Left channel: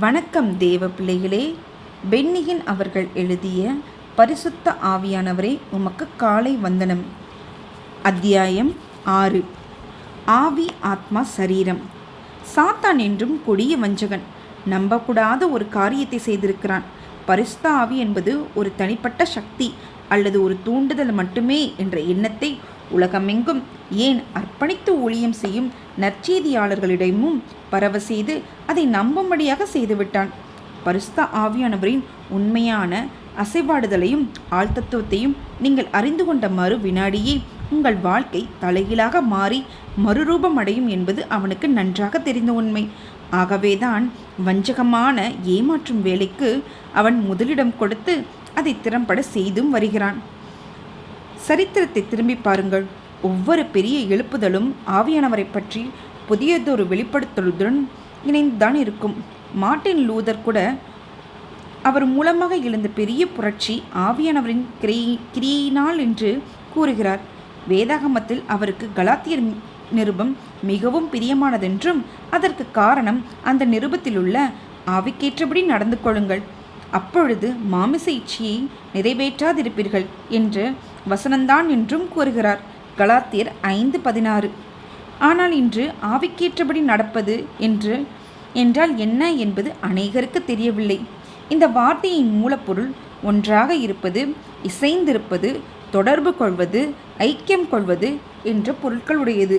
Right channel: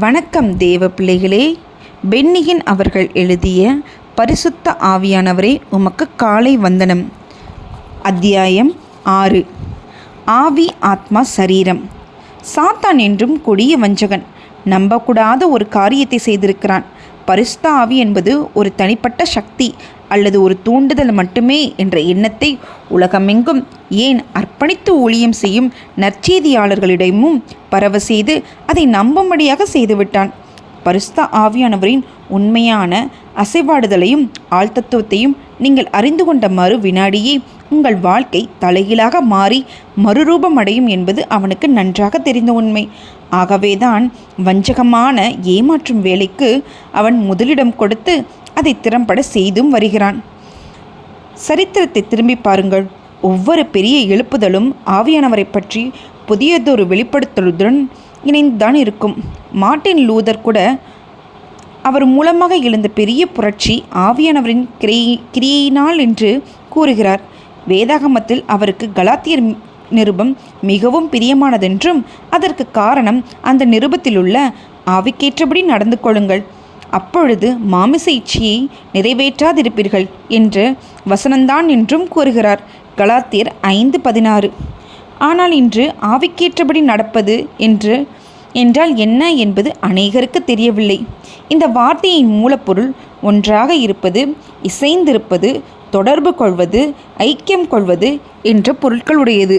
வணக்கம் தேவ பிள்ளைகளே. பென்னியின் அவர்கள் எழுதிய பரிசுத்த ஆவியானவரே உமக்கு காலை வந்தனம். அத்தியாயம் 6. ஆவி ஆத்மா சரீரம். சாத்தான் என்றும் கொடிய வஞ்சகன். நம்பக்கூடாத ஒரு காரியத்தை செய்திருக்கிறான். பரிசுத்த ஆவி என்பது ஒரு தனிப்பட்ட சக்தி அல்லது ஒரு தூண்டுதல் மட்டுமே என்ற எண்ணத்தை உலகமெங்கும், ஏன் அர்ப்பணித்து ஊழியம் செய்யும் நற்செய்தியாளர்களிடமும் பரவ செய்து அதை நம்பும்படியாக செய்துவிட்டான். பரிசுத்த ஆவியானவரின் உண்மையான அசைவாடுதலையும் ஆழ்தத்துவத்தையும் நீங்கள் அறிந்து கொண்ட மறு வினாடியே உங்கள் வாழ்க்கை தலைகீழாக மாறி மறுரூபம் அடையும் என்பது அவனுக்கு நன்றாக தெரிந்த உண்மை. ஆகவேதான் வஞ்சகமான ஏமாற்றும் வேலைக்கு அவன் முதலிடம் கொடுத்து அதை திறம்பட செய்தும் வருகிறான். சரித்திரத்தை திரும்பி பாருங்கள். ஒவ்வொரு பெரிய எழுப்புதலும் ஆவியானவரை பற்றி புதியதொரு வெளிப்படுத்தலுடன் இணைந்துதான் இருக்கும். மார்ட்டின் லூதர் கூட அவர் மூலமாக எழுந்த பெரிய புரட்சி ஆவியானவரின் கிரியையினால் என்று கூறுகிறார். வேதாகமத்தில் அவருக்கு கலாத்தியர் நிருபம் மிகவும் பிரியமானதென்றும் அதற்கு காரணம் அந்த நிருபத்திலுள்ள ஆவிக்கேற்றபடி நடந்து கொள்ளுங்கள், அப்பொழுது மாமிச இச்சையை நிறைவேற்றாதிருப்பீர்கள் என்று வசனந்தான் என்றும் கூறுகிறார். கலாத்தியர் 5:16. ஆனால் இன்று ஆவிக்கேற்றபடி நடப்பது என்றால் என்ன என்பது அநேகருக்கு தெரியவில்லை. இந்த வார்த்தையின் மூலப்பொருள் ஒன்றாக இருப்பது, இசைந்திருப்பது, தொடர்பு கொள்வது, ஐக்கியம் கொள்வது என்ற பொருட்களுடையது.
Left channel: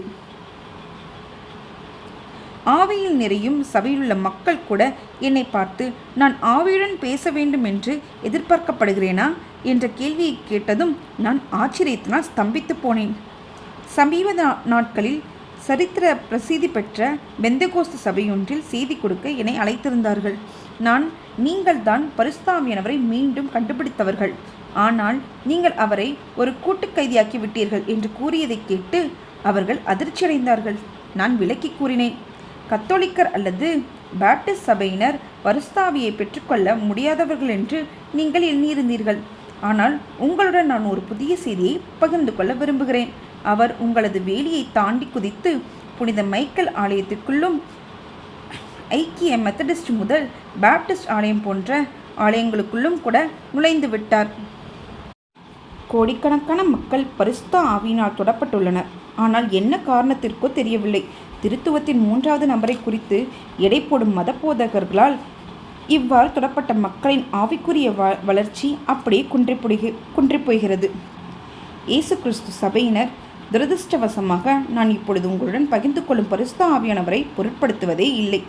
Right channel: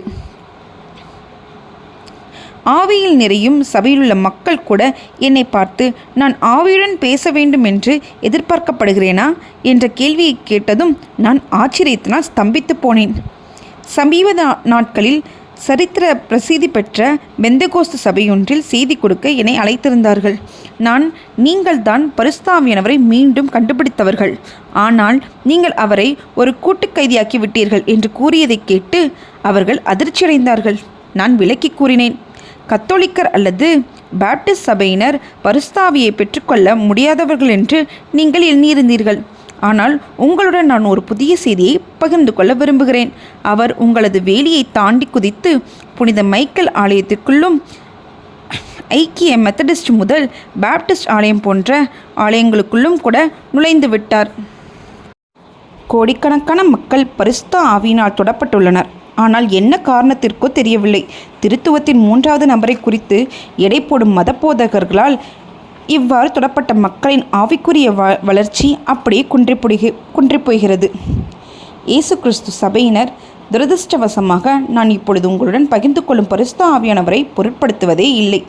ஆவியில் நிறையும் சபையிலுள்ள மக்கள் கூட என்னை பார்த்து, நான் ஆவியுடன் பேச வேண்டும் என்று எதிர்பார்க்கப்படுகிறேனா என்ற கேள்வியை கேட்டதும் நான் ஆச்சரியத்தினால் ஸ்தம்பித்து போனேன். சமீப நாட்களில் சரித்திர பிரசித்தி பெற்ற பெந்தகோஸ்து சபையொன்றில் செய்தி கொடுக்க என்னை அழைத்திருந்தார்கள். நீங்கள் தான் பரிசுத்த ஆவியானவரை மீண்டும் கண்டுபிடித்தவர்கள், ஆனால் நீங்கள் அவரை ஒரு கூட்டு கைதியாக்கி விட்டீர்கள் என்று கூறியதை கேட்டு அவர்கள் அதிர்ச்சியடைந்தார்கள். நான் விளக்கி கூறினேன், கத்தோலிக்கர் அல்லது பாப்டிஸ்ட் சபையினர் பரிசுத்த ஆவியை பெற்றுக்கொள்ள முடியாதவர்கள் என்று நீங்கள் எண்ணியிருந்தீர்கள். ஆனால் உங்களுடன் நான் ஒரு புதிய செய்தியை பகிர்ந்து கொள்ள விரும்புகிறேன். அவர் உங்களது வேலியை தாண்டி குதித்து புனித மைக்கேல் ஆலயத்திற்குள்ளும் ஐக்கிய மெத்தடிஸ்ட் முதல் பாப்டிஸ்ட் ஆலயம் போன்ற ஆலயங்களுக்குள்ளும் கூட நுழைந்து விட்டார். கோடிக்கணக்கான மக்கள் பரிசுத்த ஆவியினால் தொடப்பட்டுள்ளனர். ஆனால் என்ன காரணத்திற்கோ தெரியவில்லை, திருத்துவத்தின் 3வது நபரை குறித்து எடை போடும் மதபோதகர்களால் இவ்வாறு தொடப்பட்ட மக்களின் ஆவிக்குரிய வளர்ச்சி அப்படியே குன்றிப்போகிறது. இயேசு கிறிஸ்து சபையினர் துரதிருஷ்டவசமாக நான் இப்பொழுது உங்களுடன் பகிர்ந்து கொள்ளும் பரிசுத்த ஆவியானவரை பொருட்படுத்துவதே இல்லை.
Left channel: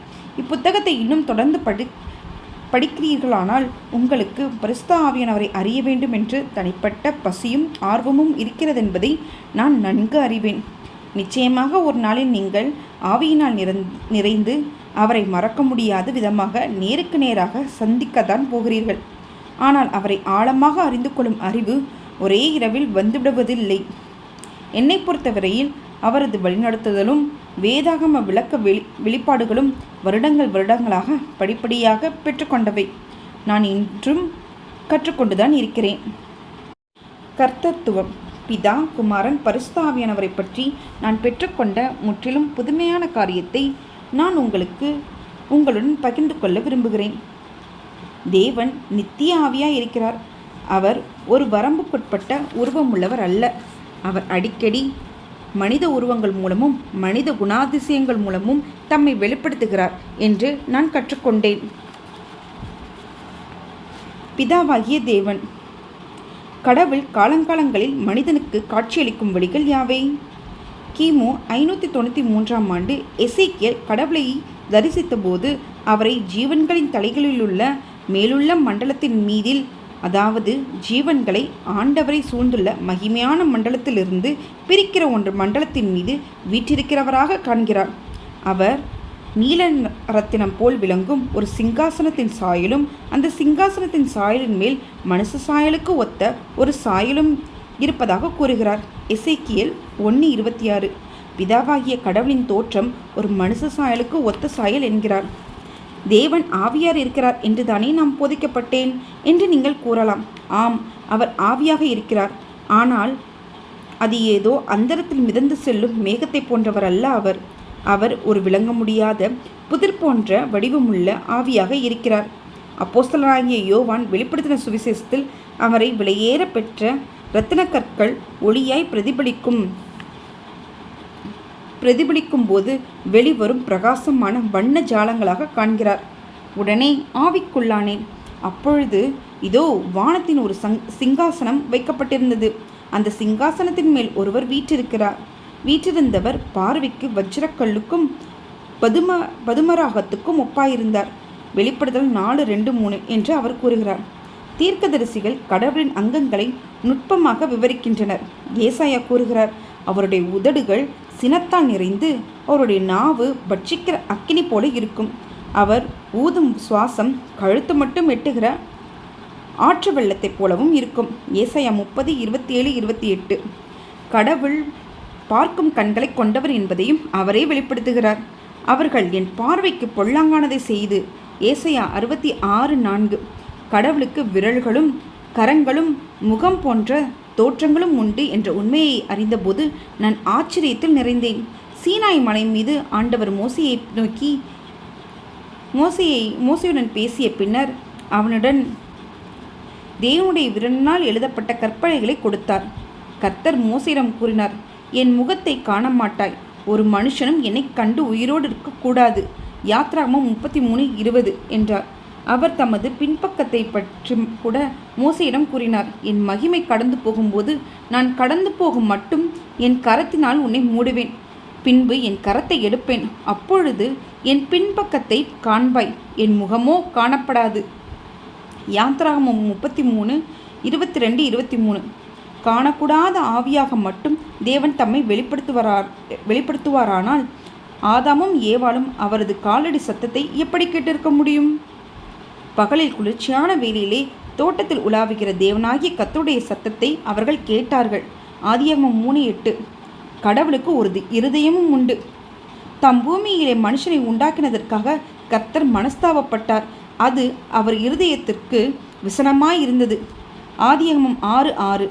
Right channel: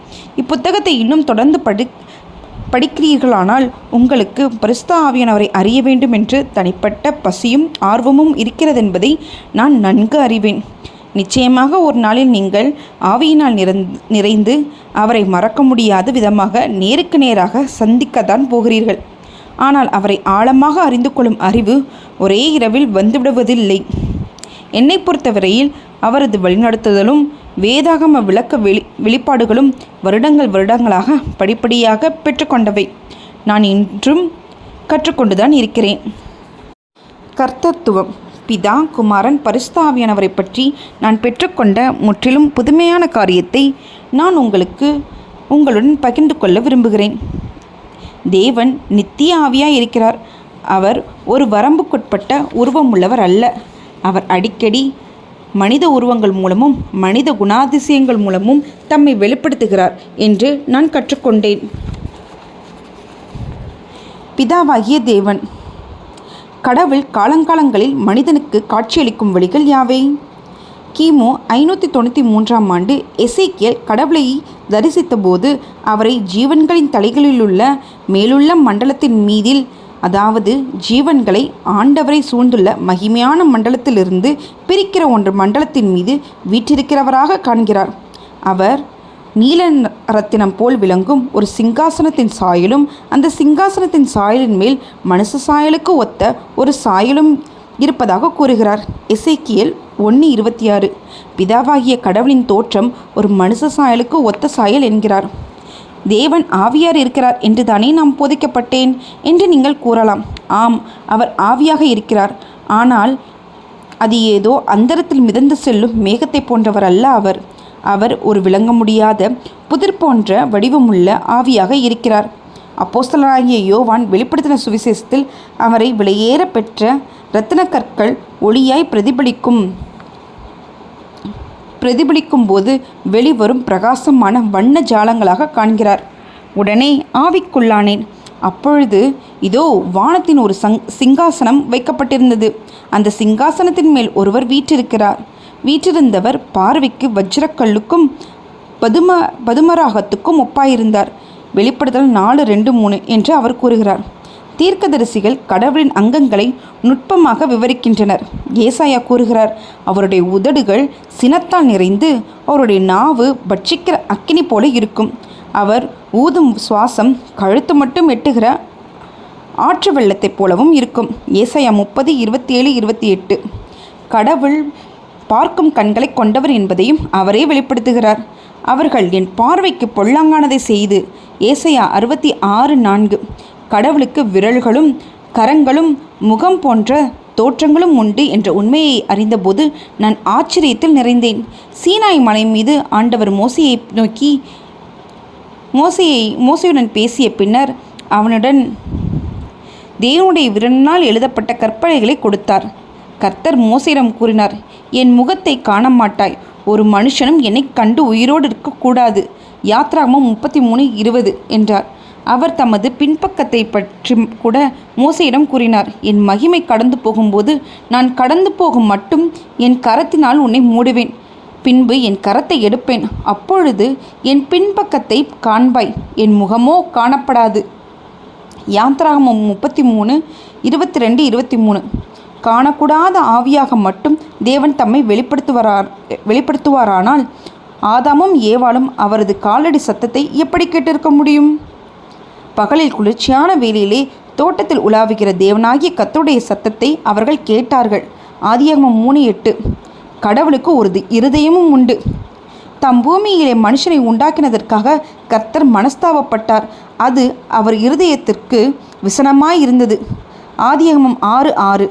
இப்புத்தகத்தை இன்னும் தொடர்ந்து படிக்கிறீர்களானால் உங்களுக்கு பரிசுத்த ஆவியானவரை அறிய வேண்டும் என்று தனிப்பட்ட பசியும் ஆர்வமும் இருக்கிறதென்பதை நான் நன்கு அறிவேன். நிச்சயமாக ஒரு நாளில் நீங்கள் ஆவியினால் நிறைந்து அவரை மறக்க முடியாத விதமாக நேருக்கு நேராக சந்திக்கத்தான் போகிறீர்கள். ஆனால் அவரை ஆழமாக அறிந்து கொள்ளும் அறிவு ஒரே இரவில் வந்துவிடுவதில்லை. என்னை பொறுத்தவரையில் அவரது வழிநடத்துதலும் வேதாகம விளக்க வெளிப்பாடுகளும் வருடங்களாக படிப்படியாக பெற்றுக்கொண்டவை. நான் இன்றும் கற்றுக்கொண்டுதான் இருக்கிறேன். கர்த்தத்துவம். பிதா, குமாரன், பரிசுத்த ஆவியானவரை பற்றி நான் பெற்றுக்கொண்ட முற்றிலும் புதுமையான காரியத்தை நான் உங்களுடன் பகிர்ந்து கொள்ள விரும்புகிறேன். தேவன் நித்திய ஆவியாய் இருக்கிறார். அவர் ஒரு வரம்புக்குட்பட்ட உருவம் உள்ளவர் அல்ல. அவர் அடிக்கடி மனித உருவங்கள் மூலமும் மனித குணாதிசயங்கள் மூலமும் தம்மை வெளிப்படுத்துகிறார் என்று நான் கற்றுக்கொண்டேன். பிதாவாகிய தேவன். கடவுள் காலங்காலங்களில் மனிதனுக்கு காட்சியளிக்கும் வழிகள் யாவை? கிமு 593ஆம் ஆண்டு எசேக்கியேல் கடவுளை தரிசித்த போது அவரை ஜீவன்களின் தலைகளிலுள்ள மேலுள்ள மண்டலத்தின் மீதில், அதாவது ஜீவன்களை ஆண்டவரை சூழ்ந்துள்ள மகிமையான மண்டலத்திலிருந்து பிரிக்கிற ஒன்று மண்டலத்தின் மீது வீற்றிருக்கிறவராக காண்கிறார். அவர் நீல ரத்தினம் போல் விளங்கும் ஒரு சிங்காசனத்தின் சாயலும், அந்த சிங்காசனத்தின் சாயலின் மேல் மனுஷ சாயலுக்கு ஒத்த ஒரு சாயலும் இருப்பதாக கூறுகிறார். எசேக்கியேல் 1:26. பிதாவாகிய கடவுளின் தோற்றம் ஒரு மனுஷ சாயலுக்கு ஒத்த சாயல் என்கிறார். தேவன் ஆவியார் இருக்கிறார் என்று தானே நாம் போதிக்கப்பட்டேன் என்று நீங்கள் கூறலாம். ஆம், அவர் ஆவியாக இருக்கிறார். ஆனால் அது ஏதோ அந்தரத்தில் மிதந்து செல்லும் மேகத்தை போன்றவர் அல்ல. அவர் அவர் ஒரு விளங்க முடியாத புதிர் போன்ற வடிவமுள்ள ஆவியாக இருக்கிறார். அப்போஸ்தலனாகிய யோவான் வெளிப்படுத்தின சுவிசேஷத்தில் அவரை விலையேற பெற்ற இரத்தின கற்கள் ஒளியாய் பிரதிபலிக்கும் போது வெளிவரும் பிரகாசமான வண்ண ஜாலங்களாக காண்கிறார். உடனே ஆவிக்குள்ளானேன். அப்பொழுது இதோ வானத்தின் ஒரு சிங்காசனம் வைக்கப்பட்டிருந்தது. அந்த சிங்காசனத்தின் மேல் ஒருவர் வீற்றிருக்கிறார். வீற்றிருந்தவர் பார்வைக்கு வஜ்ரக்கல்லுக்கும் பதுமராகத்துக்கும் ஒப்பாயிருந்தார். வெளிப்படுத்தல் 4:2-3 என்று அவர் கூறுகிறார். தீர்க்கதரிசிகள் கடவுளின் அங்கங்களை நுட்பமாக விவரிக்கின்றனர். ஏசாயா கூறுகிறார், அவருடைய உதடுகள் சினத்தால் நிறைந்து அவருடைய நாவு பட்சிக்கிற அக்கினி போல இருக்கும். அவர் ஊதும் சுவாசம் கழுத்து மட்டும் எட்டுகிற ஆற்று வெள்ளத்தைப் போலவும் இருக்கும். ஏசாயா 30:27-28. கடவுள் பார்க்கும் கண்களை கொண்டவர் என்பதையும் அவரே வெளிப்படுத்துகிறார். அவர்கள் என் பார்வைக்கு பொல்லாங்கானதை செய்து. ஏசாயா 66:4. கடவுளுக்கு விரல்களும் கரங்களும் முகம் போன்ற தோற்றங்களும் உண்டு என்ற உண்மையை அறிந்தபோது நான் ஆச்சரியத்தில் நிறைந்தேன். சீனாய் மலை மீது ஆண்டவர் மோசையை நோக்கி மோசையுடன் பேசிய பின்னர் அவனுடன் தேவனுடைய விரலினால் எழுதப்பட்ட கற்பனைகளை கொடுத்தார். கர்த்தர் மோசையிடம் கூறினார், என் முகத்தை காண மாட்டாய். ஒரு மனுஷனும் என்னை கண்டு உயிரோடு இருக்கக்கூடாது. யாத்ராகமம் 33:20 என்றார். அவர் தமது பின்பக்கத்தை பற்றி கூட மோசையிடம் கூறினார், என் மகிமை கடந்து போகும்போது நான் கடந்து போகும் மட்டும் என் கரத்தினால் உன்னை மூடுவேன். பின்பு என் கரத்தை எடுப்பேன். அப்பொழுது என் பின்பக்கத்தை காண்பாய், என் முகமோ காணப்படாது. யாத்ராகமம் 33:22-23. காணக்கூடாத ஆவியாக மட்டும் தேவன் தம்மை வெளிப்படுத்துவாரானால் ஆதாமும் ஏவாளும் அவரது காலடி சத்தத்தை எப்படி கேட்டிருக்க முடியும்? பகலில் குளிர்ச்சியான வேளையிலே தோட்டத்தில் உலாவுகிற தேவனாகிய கர்த்தருடைய சத்தத்தை அவர்கள் கேட்டார்கள். ஆதியாகமம் 3:8. கடவுளுக்கு ஒரு இருதயமும் உண்டு. தம் பூமியிலே மனுஷனை உண்டாக்கினதற்காக கர்த்தர் மனஸ்தாபப்பட்டார். அது அவர் இருதயத்திற்கு விசனமாய் இருந்தது. ஆதியாகமம் 6:6.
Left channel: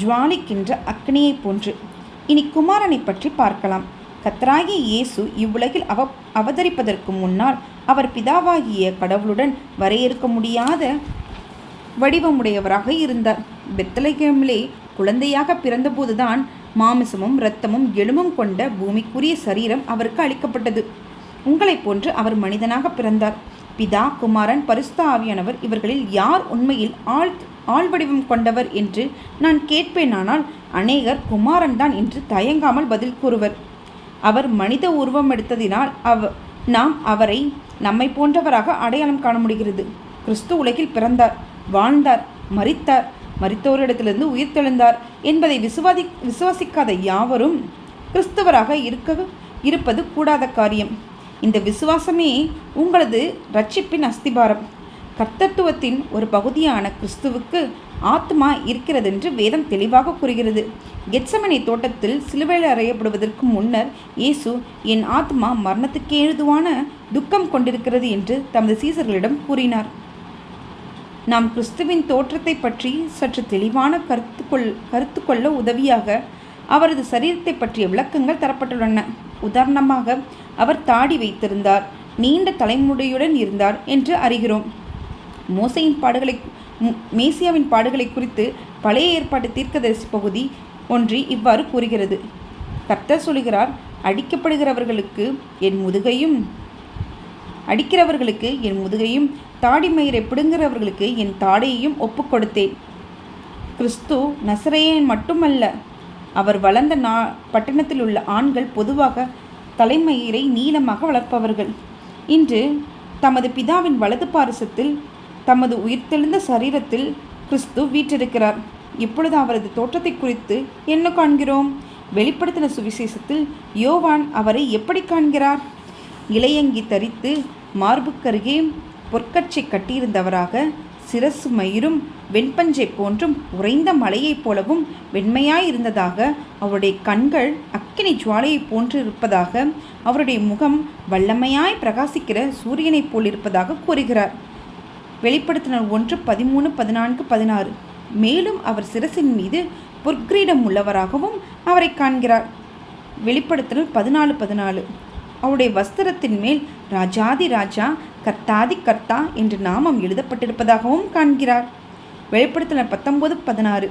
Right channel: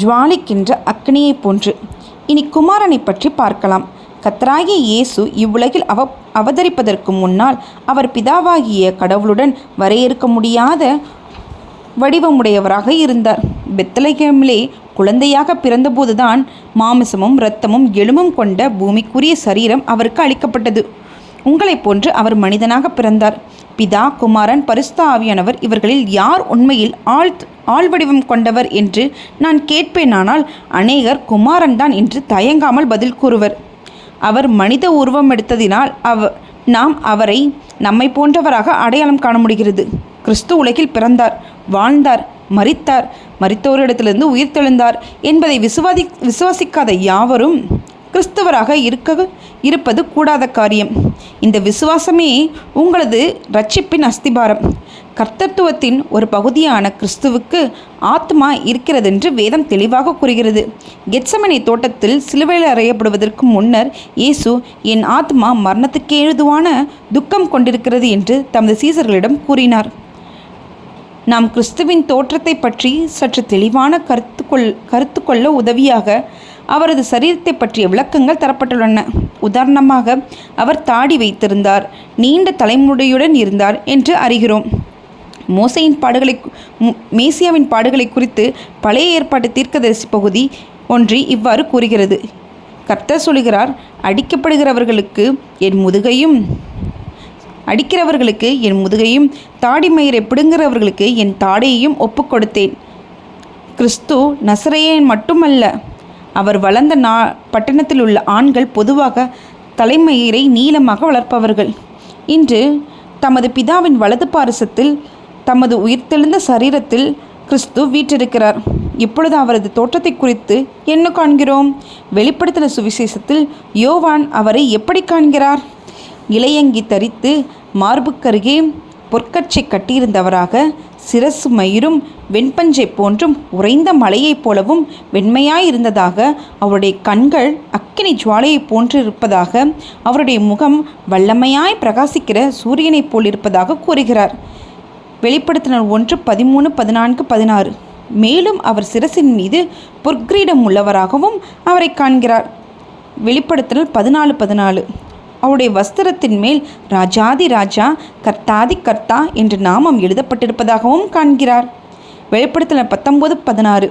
ஜுவாலிக்கின்ற அக்னியை போன்று. இனி குமாரனை பற்றி பார்க்கலாம். கர்த்தராகிய இயேசு இவ்வுலகில் அவதரிப்பதற்கு முன்னால் அவர் பிதாவாகிய கடவுளுடன் வரையறுக்க முடியாத வடிவமுடையவராக இருந்தார். பெத்லகேமிலே குழந்தையாக பிறந்தபோதுதான் மாமிசமும் இரத்தமும் எலும்பும் கொண்ட பூமிக்குரிய சரீரம் அவருக்கு அளிக்கப்பட்டது. உங்களைப் போன்று அவர் மனிதனாக பிறந்தார். பிதா, குமாரன், பரிசுத்த ஆவியானவர் இவர்களில் யார் உண்மையில் ஆள் வடிவம் கொண்டவர் என்று நான் கேட்பேனானால் அநேகர் குமாரன்தான் என்று தயங்காமல் பதில் கூறுவர். அவர் மனித உருவம் எடுத்ததினால் நாம் அவரை நம்மை போன்றவராக அடையாளம் காண முடிகிறது. கிறிஸ்து உலகில் பிறந்தார், வாழ்ந்தார், மரித்தார், மரித்தோரிடத்திலிருந்து உயிர்த்தெழுந்தார் என்பதை விசுவாசிக்காத யாவரும் கிறிஸ்தவராக இருப்பது கூடாத காரியம். இந்த விசுவாசமே உங்களது இரட்சிப்பின் அஸ்திபாரம். கர்த்தத்துவத்தின் ஒரு பகுதியான கிறிஸ்துவுக்கு ஆத்மா இருக்கிறதென்று வேதம் தெளிவாக கூறுகிறது. கெத்செமனே தோட்டத்தில் சிலுவையில் அறையப்படுவதற்கு முன்னர் இயேசு, என் ஆத்மா மரணத்துக்கு ஏதுவான துக்கம் கொண்டிருக்கிறது என்று தமது சீசர்களிடம் கூறினார். நாம் கிறிஸ்துவின் தோற்றத்தை பற்றி சற்று தெளிவான கருத்து கொள்ள உதவியாக அவரது சரீரத்தை பற்றிய விளக்கங்கள் தரப்பட்டுள்ளன. உதாரணமாக, அவர் தாடி வைத்திருந்தார், நீண்ட தலைமுடியுடன் இருந்தார் என்று அறிகிறோம். மேசியாவின் பாடுகளை குறித்து பழைய ஏற்பாட்டு தீர்க்கதரிசி பகுதி ஒன்று இவ்வாறு கூறுகிறது. கர்த்தர் சொல்கிறார், அடிக்கிறவர்களுக்கு என் முதுகையும் தாடிமயிரை பிடுங்குகிறவர்களுக்கு என் தாடையையும் ஒப்புக் கொடுத்தேன். கிறிஸ்து நசரேயன் மட்டுமல்ல. அவர் வளர்ந்த பட்டணத்தில் உள்ள ஆண்கள் பொதுவாக தலைமயிரை நீளமாக வளர்ப்பவர்கள். இன்று தமது பிதாவின் வலது பாரிசத்தில் தமது உயிர்த்தெழுந்த சரீரத்தில் கிறிஸ்து வீற்றிருக்கிறார். இப்பொழுது அவரது தோற்றத்தை குறித்து என்ன காண்கிறோம்? வெளிப்படுத்தின சுவிசேஷத்தில் யோவான் அவரை எப்படி காண்கிறார்? இலையங்கி தரித்து மார்புக்கருகே பொற்கச்சை கட்டியிருந்தவராக, சிரசு மயிரும் வெண்பஞ்சை போன்றும் உறைந்த மலையைப் போலவும் வெண்மையாயிருந்ததாக, அவருடைய கண்கள் அக்கினி ஜுவாலையைப் போன்று இருப்பதாக, அவருடைய முகம் வல்லமையாய் பிரகாசிக்கிற சூரியனைப் போலிருப்பதாக கூறுகிறார். வெளிப்படுத்தினர் 1:13-14-16. மேலும் அவர் சிரசின் மீது பொற்கிரீடம் உள்ளவராகவும் அவரை காண்கிறார். வெளிப்படுத்தல் 14:14. அவருடைய வஸ்திரத்தின் மேல் ராஜாதி ராஜா கர்த்தாதி கர்த்தா என்று நாமம் எழுதப்பட்டிருப்பதாகவும் காண்கிறார். வெளிப்படுத்தல் 19:16.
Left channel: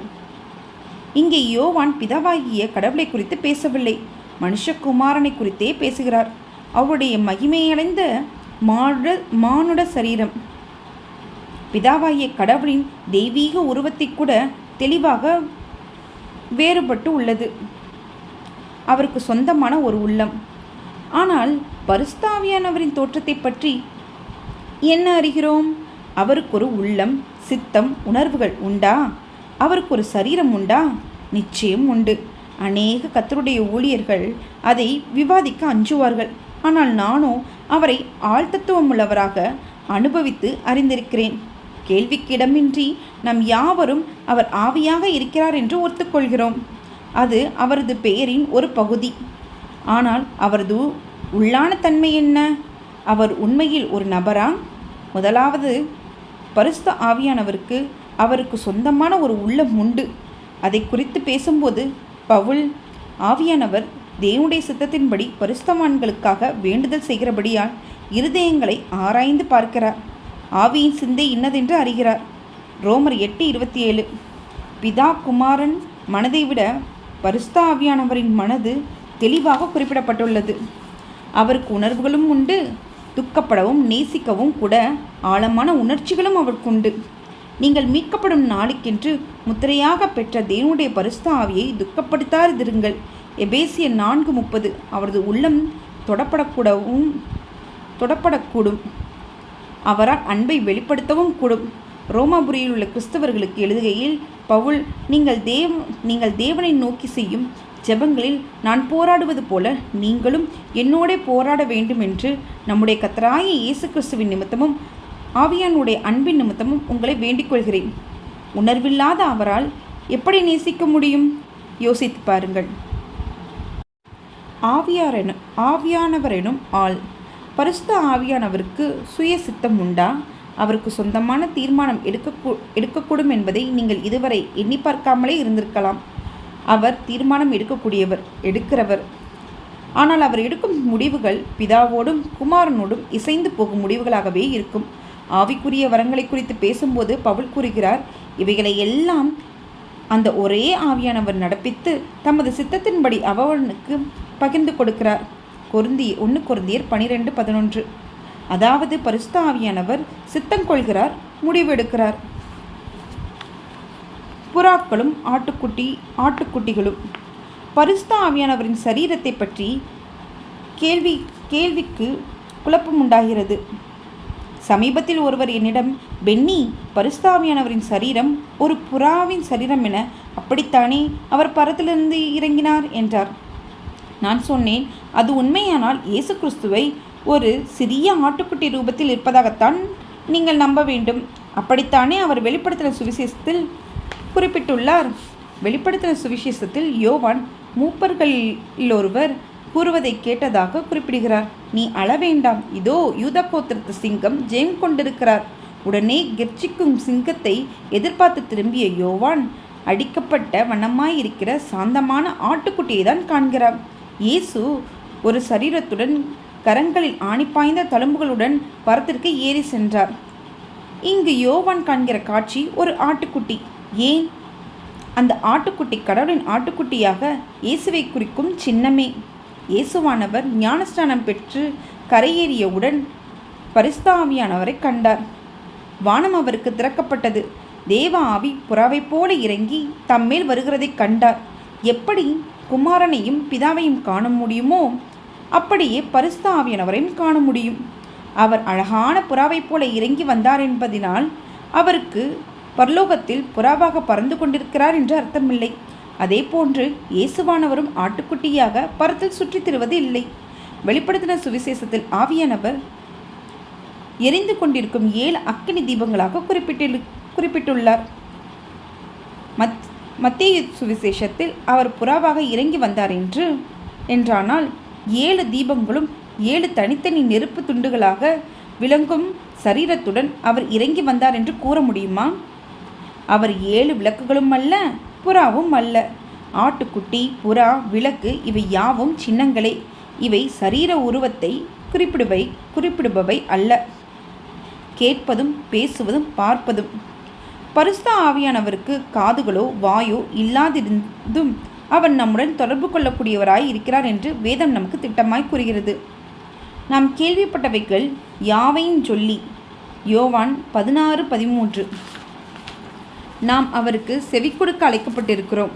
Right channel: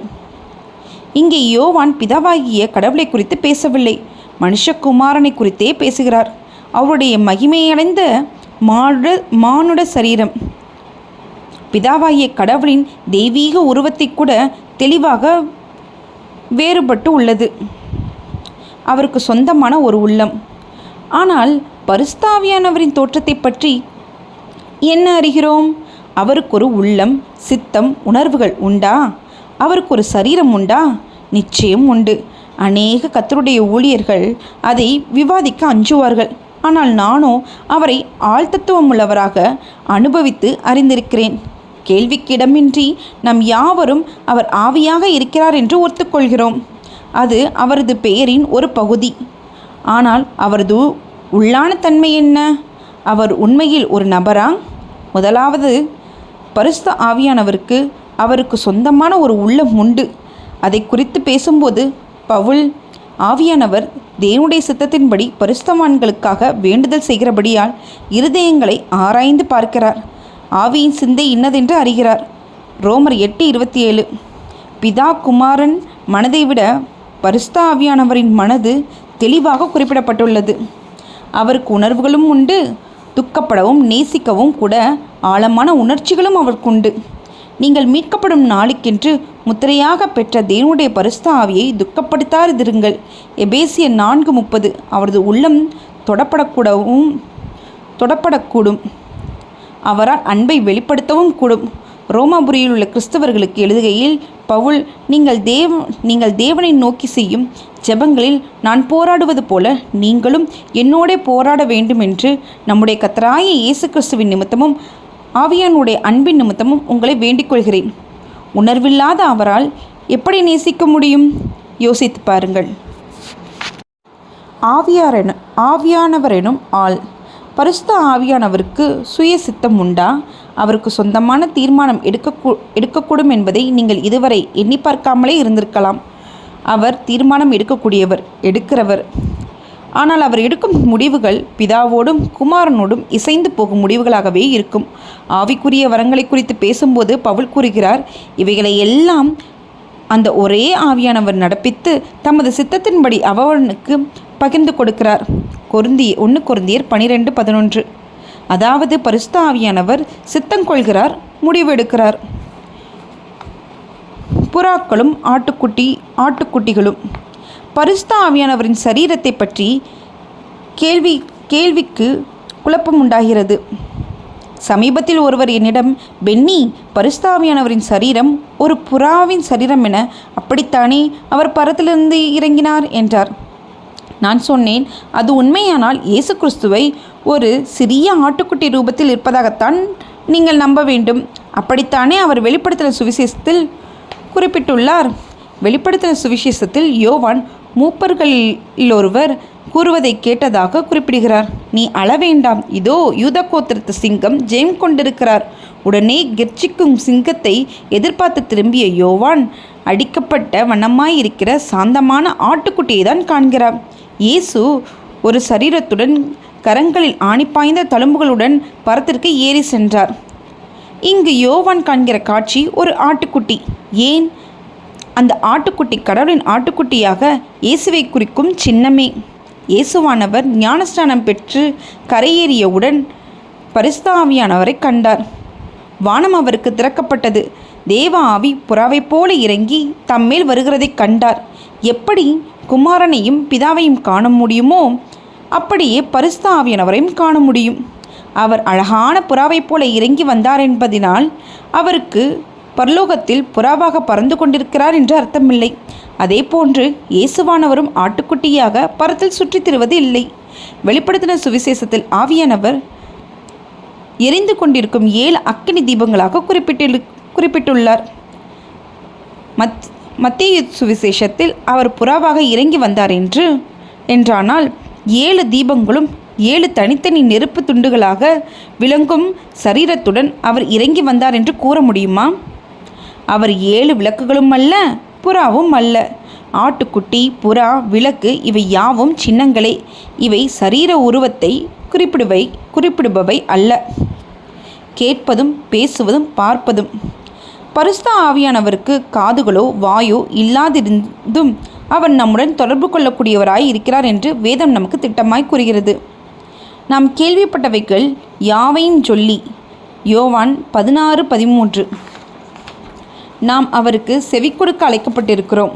இங்கே யோவான் பிதாவாகிய கடவுளை குறித்து பேசவில்லை, மனுஷகுமாரனை குறித்தே பேசுகிறார். அவருடைய மகிமையடைந்த மானுட சரீரம் பிதாவாகிய கடவுளின் தெய்வீக உருவத்தை கூட தெளிவாக வேறுபட்டு உள்ளது. அவருக்கு சொந்தமான ஒரு உள்ளம். ஆனால் பரிசுத்த ஆவியானவரின் தோற்றத்தை பற்றி என்ன அறிகிறோம்? அவருக்கு ஒரு உள்ளம், சித்தம், உணர்வுகள் உண்டா? அவருக்கு ஒரு சரீரம் உண்டா? நிச்சயம் உண்டு. அநேக கர்த்தருடைய ஊழியர்கள் அதை விவாதிக்க அஞ்சுவார்கள். ஆனால் நானோ அவரை ஆழ்தத்துவமுள்ளவராக அனுபவித்து அறிந்திருக்கிறேன். கேள்விக்கிடமின்றி நாம் யாவரும் அவர் ஆவியாக இருக்கிறார் என்று ஒத்துக்கொள்கிறோம். அது அவரது பெயரின் ஒரு பகுதி. ஆனால் அவரது உள்ளான தன்மை என்ன? அவர் உண்மையில் ஒரு நபரா? முதலாவது, பரிசுத்த ஆவியானவருக்கு அவருக்கு சொந்தமான ஒரு உள்ளம் உண்டு. அதை குறித்து பேசும்போது பவுல், ஆவியானவர் தேவனுடைய சித்தத்தின்படி பரிசுத்தவான்களுக்காக வேண்டுதல் செய்கிறபடியால் இருதயங்களை ஆராய்ந்து பார்க்கிறார், ஆவியின் சிந்தை இன்னதென்று அறிகிறார். ரோமர் 8:27. பிதா குமாரன் மனதை விட பரிசுத்த ஆவியானவரின் மனது தெளிவாக குறிப்பிடப்பட்டுள்ளது. அவருக்கு உணர்வுகளும் உண்டு, துக்கப்படவும் நேசிக்கவும் கூட ஆழமான உணர்ச்சிகளும் அவருக்குண்டு. நீங்கள் மீட்கப்படும் நாளுக்கென்று முத்திரையாக பெற்ற தேவனுடைய பரிசுத்த ஆவியை துக்கப்படுத்தாதிருங்கள். எபேசியர் 4:30. அவரது உள்ளம் தொடப்படக்கூடும். அவரால் அன்பை வெளிப்படுத்தவும் கூடும். ரோமாபுரியில் உள்ள கிறிஸ்தவர்களுக்கு எழுதுகையில் பவுல், நீங்கள் தேவனை நோக்கி செய்யும் ஜெபங்களில் நான் போராடுவது போல நீங்களும் என்னோட போராட வேண்டும் என்று நம்முடைய கர்த்தராகிய இயேசு கிறிஸ்துவின் நிமித்தமும் ஆவியானுடைய அன்பின் நிமித்தமும் உங்களை வேண்டிக் கொள்கிறேன். உணர்வில்லாத அவரால் எப்படி நேசிக்க முடியும்? யோசித்து பாருங்கள். ஆவியானவரெனும் ஆள். பரிசுத்த ஆவியானவருக்கு சுய சித்தம் உண்டா? அவருக்கு சொந்தமான தீர்மானம் எடுக்கக்கூடும் என்பதை நீங்கள் இதுவரை எண்ணி பார்க்காமலே இருந்திருக்கலாம். அவர் தீர்மானம் எடுக்கிறவர். ஆனால் அவர் எடுக்கும் முடிவுகள் பிதாவோடும் குமாரனோடும் இசைந்து போகும் முடிவுகளாகவே இருக்கும். ஆவிக்குரிய வரங்களை குறித்து பேசும்போது பவுல் கூறுகிறார், இவைகளை எல்லாம் அந்த ஒரே ஆவியானவர் நடப்பித்து தமது சித்தத்தின்படி அவனுக்கு பகிர்ந்து கொடுக்கிறார். 1 கொரிந்தியர் 12:11. அதாவது பரிசுத்த ஆவியானவர் சித்தங்கொள்கிறார், முடிவெடுக்கிறார். புறாக்களும் ஆட்டுக்குட்டிகளும். பரிசுத்த ஆவியானவரின் சரீரத்தை பற்றி கேள்விக்கு குழப்பம் உண்டாகிறது. சமீபத்தில் ஒருவர் என்னிடம், பென்னி, பரிசுத்த ஆவியானவரின் சரீரம் ஒரு புறாவின் சரீரம் என அப்படித்தானே அவர் பரத்திலிருந்து இறங்கினார் என்றார். நான் சொன்னேன், அது உண்மையானால் இயேசு கிறிஸ்துவை ஒரு சிறிய ஆட்டுக்குட்டி ரூபத்தில் இருப்பதாகத்தான் நீங்கள் நம்ப வேண்டும். அப்படித்தானே அவர் வெளிப்படுத்தின சுவிசேஷத்தில் குறிப்பிட்டுள்ளார். வெளிப்படுத்தின சுவிசேஷத்தில் யோவான் மூப்பர்களிலொருவர் கூறுவதை கேட்டதாக குறிப்பிடுகிறார். நீ அழ வேண்டாம், இதோ யூதா கோத்திரத்து சிங்கம் ஜெயம் கொண்டிருக்கிறார். உடனே கெர்ச்சிக்கும் சிங்கத்தை எதிர்பார்த்து திரும்பிய யோவான் அடிக்கப்பட்ட வண்ணமாயிருக்கிற சாந்தமான ஆட்டுக்குட்டியை தான் காண்கிறார். இயேசு ஒரு சரீரத்துடன் கரங்களில் ஆணிப்பாய்ந்த தழும்புகளுடன் பரத்திற்கு ஏறி சென்றார். இங்கு யோவான் காண்கிற காட்சி ஒரு ஆட்டுக்குட்டி. ஏன்? அந்த ஆட்டுக்குட்டி கடவுளின் ஆட்டுக்குட்டியாக இயேசுவை குறிக்கும் சின்னமே. இயேசுவானவர் ஞானஸ்நானம் பெற்று கரையேறியவுடன் பரிசுத்த ஆவியானவரை கண்டார். வானம் அவருக்கு திறக்கப்பட்டது. தேவ ஆவி புறாவைப் போல இறங்கி தம்மேல் வருகிறதை கண்டார். எப்படி குமாரனையும் பிதாவையும் காண முடியுமோ அப்படியே பரிசுத்த ஆவியானவரையும் காண முடியும். அவர் அழகான புறாவைப் போல இறங்கி வந்தார் என்பதினால் அவருக்கு பரலோகத்தில் புறாவாக பறந்து கொண்டிருக்கிறார் என்று அர்த்தமில்லை. அதே போன்று இயேசுவானவரும் ஆட்டுக்குட்டியாக பரத்தில் சுற்றித் திரிவது இல்லை. வெளிப்படுத்தின சுவிசேஷத்தில் ஆவியானவர் எரிந்து கொண்டிருக்கும் 7 அக்கினி தீபங்களாக குறிப்பிட்டுள்ளார். மத்தேயு சுவிசேஷத்தில் அவர் புறாவாக இறங்கி வந்தார் என்றானால் 7 தீபங்களும் 7 தனித்தனி நெருப்பு துண்டுகளாக விளங்கும் சரீரத்துடன் அவர் இறங்கி வந்தார் என்று கூற முடியுமா? அவர் 7 விளக்குகளும் அல்ல, புறாவும் அல்ல. ஆட்டுக்குட்டி, புறா, விளக்கு இவை யாவும் சின்னங்களே. இவை சரீர உருவத்தை குறிப்பிடுபவை அல்ல. கேட்பதும் பேசுவதும் பார்ப்பதும். பரிசுத்த ஆவியானவருக்கு காதுகளோ வாயோ இல்லாதிருந்தும் அவர் நம்முடன் தொடர்பு கொள்ளக்கூடியவராய் இருக்கிறார் என்று வேதம் நமக்கு திட்டமாய் கூறுகிறது. நாம் கேள்விப்பட்டவைகள் யாவையும் சொல்லி யோவான் 16:13. நாம் அவருக்கு செவி கொடுக்க அழைக்கப்பட்டிருக்கிறோம்.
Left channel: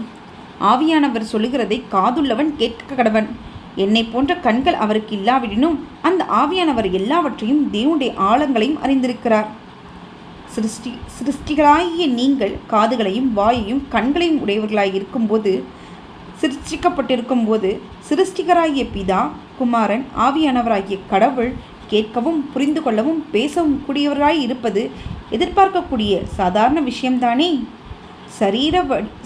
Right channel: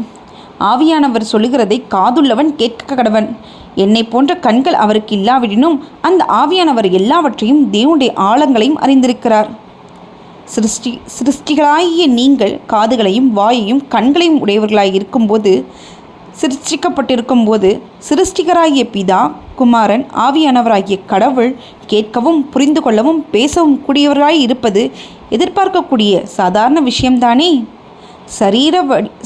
ஆவியானவர் சொல்லுகிறதை காதுள்ளவன் கேட்க கடவன். என்னை போன்ற கண்கள் அவருக்கு இல்லாவிடினும் அந்த ஆவியானவர் எல்லாவற்றையும் தேவனுடைய ஆழங்களையும் அறிந்திருக்கிறார். சிருஷ்டிகளாகிய நீங்கள் காதுகளையும் வாயையும் கண்களையும் உடையவர்களாய் இருக்கும்போது, சிருஷ்டிக்கப்பட்டிருக்கும்போது சிருஷ்டிகராகிய பிதா, குமாரன், ஆவியானவராகிய கடவுள் கேட்கவும் புரிந்து கொள்ளவும் பேசவும் கூடியவராய் இருப்பது எதிர்பார்க்கக்கூடிய சாதாரண விஷயம்தானே?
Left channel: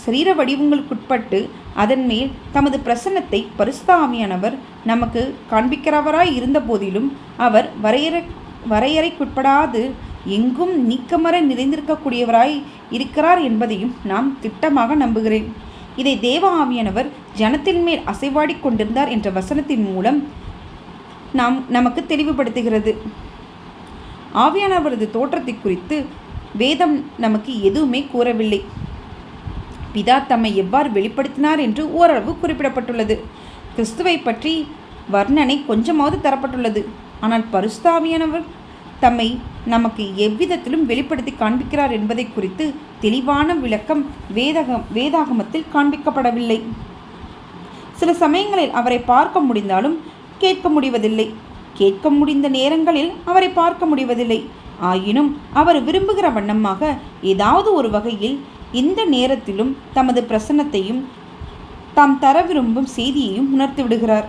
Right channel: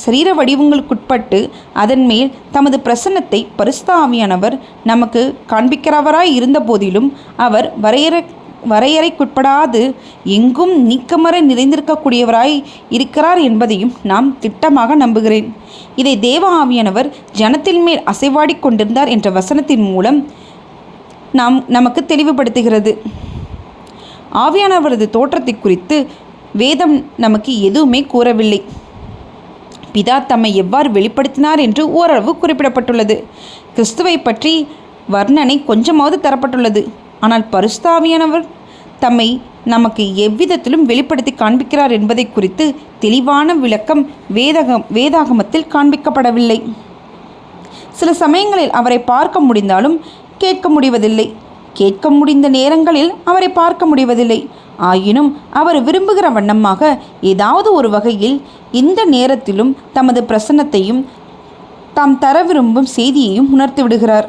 சரீர வடிவங்களுக்குட்பட்டு அதன் மேல் தமது பிரசன்னத்தை பரிசுத்த ஆவியானவர் நமக்கு காண்பிக்கிறவராய் இருந்த போதிலும் அவர் வரையறைக்குட்படாது எங்கும் நீக்கமற நிறைந்திருக்கக்கூடியவராய் இருக்கிறார் என்பதையும் நாம் திட்டமாக நம்புகிறேன். இதை தேவ ஆவியானவர் ஜனத்தின் மேல் அசைவாடி கொண்டிருந்தார் என்ற வசனத்தின் மூலம் நமக்கு தெளிவுபடுத்துகிறது. ஆவியானவரது தோற்றத்தை குறித்து வேதம் நமக்கு எதுவுமே கூறவில்லை. பிதா தம்மை எவ்வாறு வெளிப்படுத்தினார் என்று ஓரளவு குறிப்பிடப்பட்டுள்ளது. கிறிஸ்துவை பற்றி வர்ணனை கொஞ்சமாவது தரப்பட்டுள்ளது. ஆனால் பரிசுத்த ஆவியானவர் தம்மை நமக்கு எவ்விதத்திலும் வெளிப்படுத்தி காண்பிக்கிறார் என்பதை குறித்து தெளிவான விளக்கம் வேதாகமத்தில் காண்பிக்கப்படவில்லை. சில சமயங்களில் அவரை பார்க்க முடிந்தாலும் கேட்க முடிவதில்லை. கேட்க முடிந்த நேரங்களில் அவரை பார்க்க முடிவதில்லை. ஆயினும் அவர் விரும்புகிற வண்ணமாக ஏதாவது ஒரு வகையில் இந்த நேரத்திலும் தமது பிரசன்னத்தையும் தாம் தர விரும்பும் செய்தியையும் உணர்த்தி விடுகிறார்.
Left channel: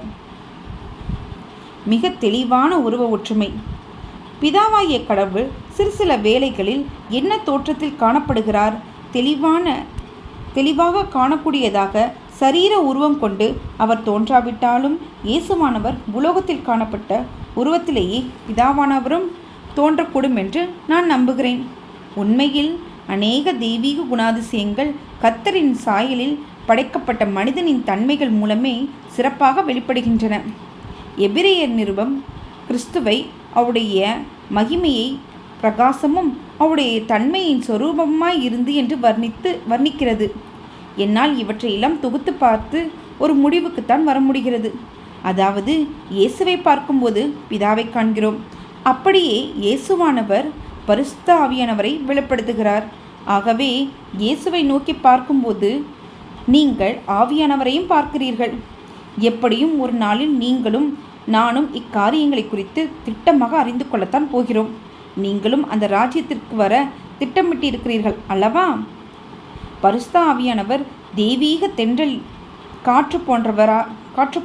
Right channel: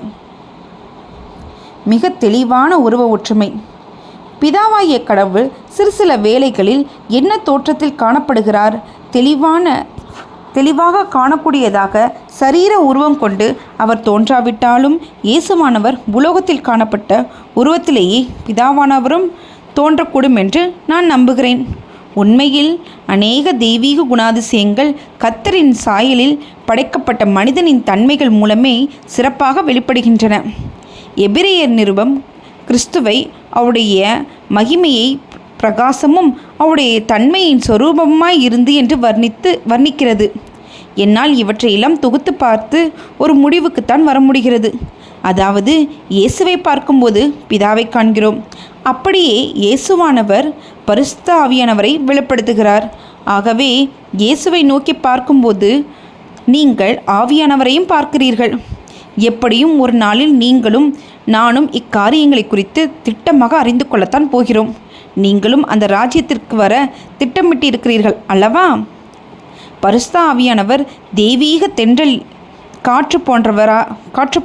மிக தெளிவான உருவ ஒற்றுமை. பிதாவாகிய கடவுள் சில வேளைகளில் என்ன தோற்றத்தில் காணப்படுகிறார்? தெளிவாக காணக்கூடியதாக சரீர உருவம் கொண்டு அவர் தோன்றாவிட்டாலும் இயேசுவானவர் உலோகத்தில் காணப்பட்ட உருவத்திலேயே பிதாவானவரும் தோன்றக்கூடும் என்று நான் நம்புகிறேன். உண்மையில் அநேக தெய்வீக குணாதிசயங்கள் கர்த்தரின் சாயலில் படைக்கப்பட்ட மனிதனின் தன்மைகள் மூலமே சிறப்பாக வெளிப்படுகின்றன. எபிரேயர் நிருபம் கிறிஸ்துவை அவருடைய மகிமையை பிரகாசமும் அவருடைய தன்மையின் சொரூபமாய் இருந்து என்று வர்ணிக்கிறது. என்னால் இவற்றையெல்லாம் தொகுத்து பார்த்து ஒரு முடிவுக்குத்தான் வர முடிகிறது. அதாவது இயேசுவை பார்க்கும்போது பிதாவை காண்கிறோம். அப்படியே இயேசுவானவர் பரிசுத்த ஆவியானவரை வெளிப்படுத்துகிறார். ஆகவே இயேசுவை நோக்கி பார்க்கும்போது நீங்கள் ஆவியானவரையும் பார்க்கிறீர்கள். எப்படியும் ஒரு நாளில் நீங்களும் நானும் இக்காரியங்களை குறித்து திட்டமாக அறிந்து கொள்ளத்தான் போகிறோம். நீங்களும் அந்த ராஜ்யத்திற்கு வர திட்டமிட்டிருக்கிறீர்கள் அல்லவா? பரிசுத்த ஆவியானவர் தெய்வீக தென்றல் காற்று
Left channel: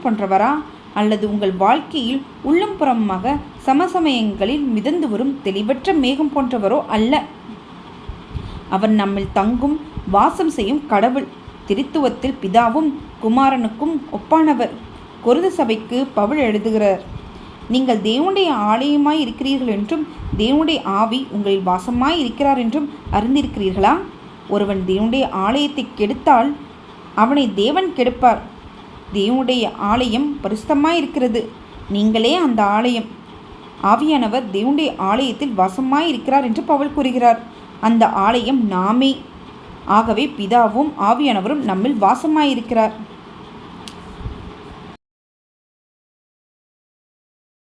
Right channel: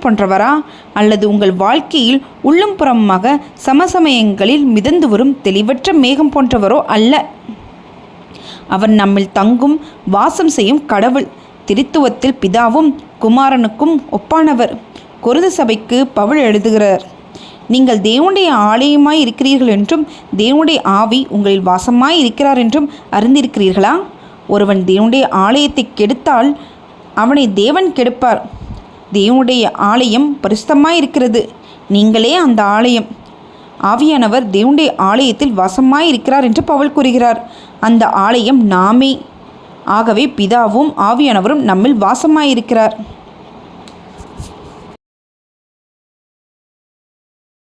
போன்றவரா அல்லது உங்கள் வாழ்க்கையில் உள்ளும் புறமாக சமசமயங்களில் மிதந்து வரும் தெளிவற்ற மேகம் போன்றவரோ அல்ல. அவர் நம்மில் தங்கும் வாசம் செய்யும் கடவுள். திரித்துவத்தில் பிதாவும் குமாரனுக்கும் ஒப்பானவர். கொரிந்து சபைக்கு பவுல் எழுதுகிறார், நீங்கள் தேவனுடைய ஆலயமாய் இருக்கிறீர்கள் என்றும் தேவனுடைய ஆவி உங்களில் வாசமாய் இருக்கிறார் என்றும் அறிந்திருக்கிறீர்களா? ஒருவன் தேவனுடைய ஆலயத்தை கெடுத்தால் அவனை தேவன் கெடுப்பார். தேவனுடைய ஆலயம் பரிசுத்தமாய் இருக்கிறது. நீங்களே அந்த ஆலயம். ஆவியானவர் தேவனுடைய ஆலயத்தில் வாசமாய் இருக்கிறார் என்று பவுல் கூறுகிறார். அந்த ஆலயம் நாமே. ஆகவே பிதாவும் ஆவியானவரும் நம்மில் வாசமாயிருக்கிறார்.